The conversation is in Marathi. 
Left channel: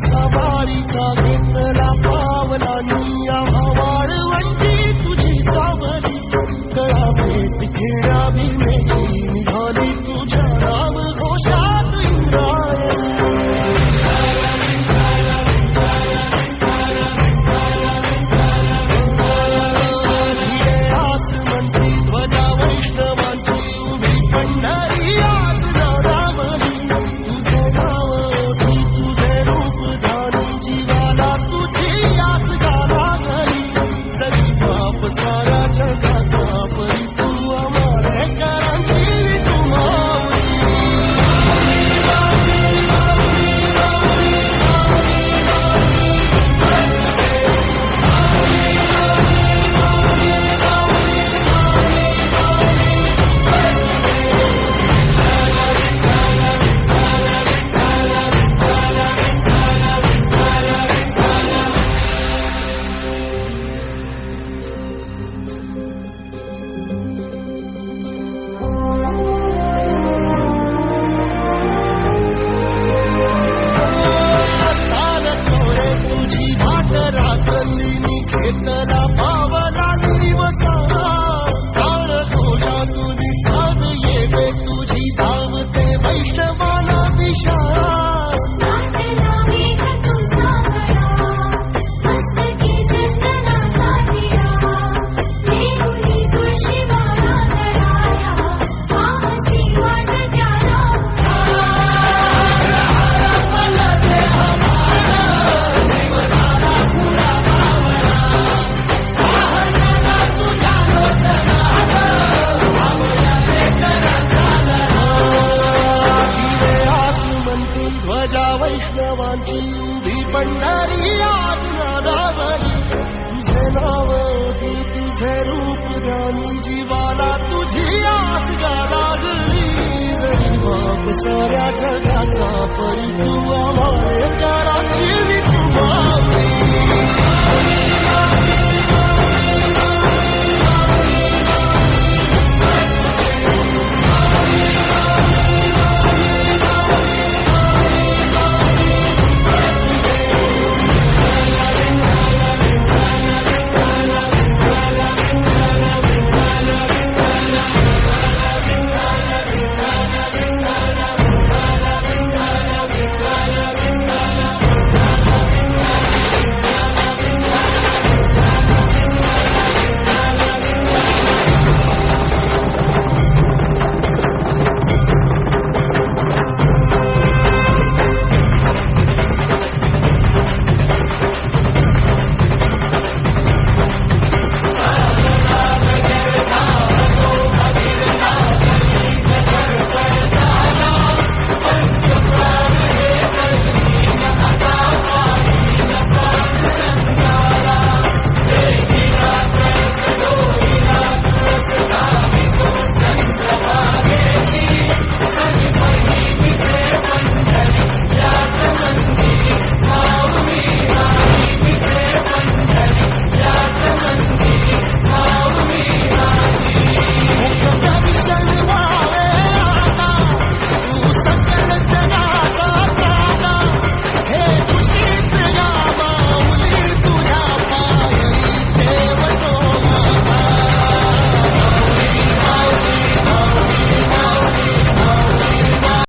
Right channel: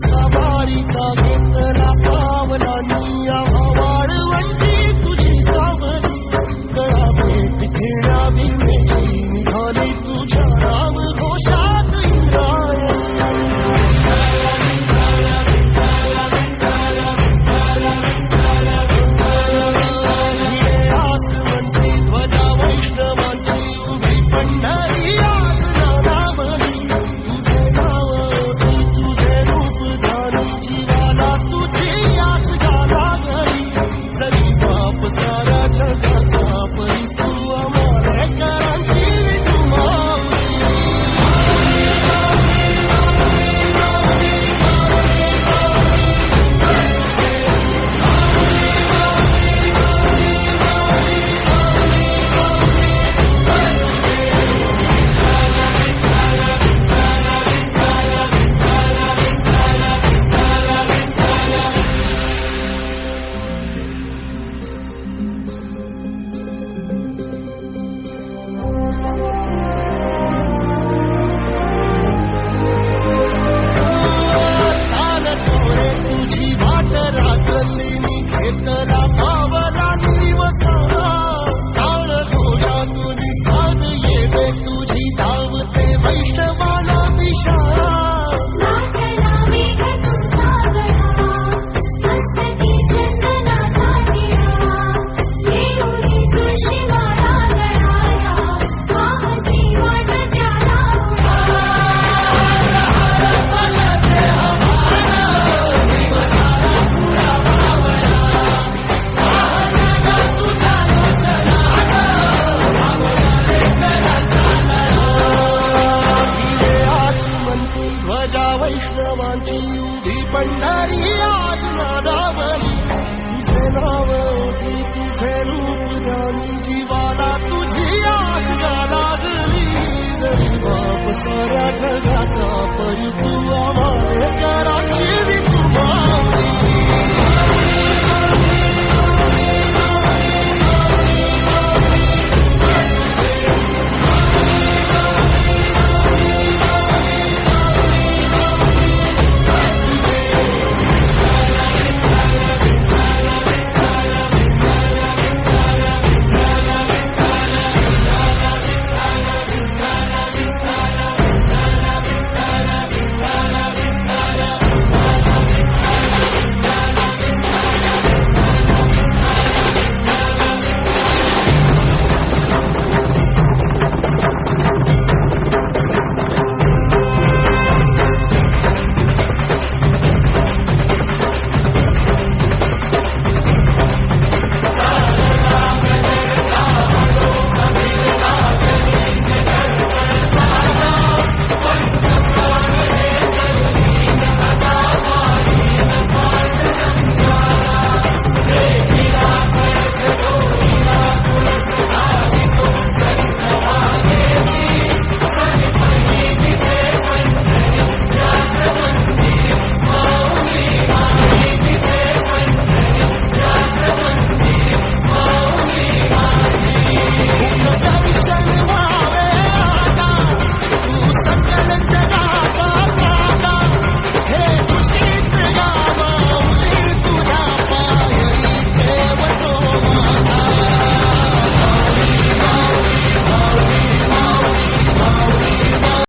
सवारीचा घेतला पावला निया वाळवंटी तुझी सावली गळा भेट घेण्या भीमेची निघाली तुझ्या राम घोषात इंद्रायणी भिडे आसमंती ध्वजा वैष्णवांची उभी पंढरी आज नादावली तुझे नाव तुझे रूप जीवाला तुझी आस गाला गली सरी बाप सारा जगाचा परी तू आम्हाला करांची तू माऊली तुझी वाट रात्रंदिनी घेतला पावला दिवसा काळ घोषातून साध येते तुझी धावते वैष्णवाला दिशा ध्वजा वैष्णवांची उभी पंढरी आज नादावली तुझे नाव की तुझे रूप ध्यानी जीवाला तुझी आस गा लागली जरी बाप साऱ्या जगाचा परी तू आम्हाला कराची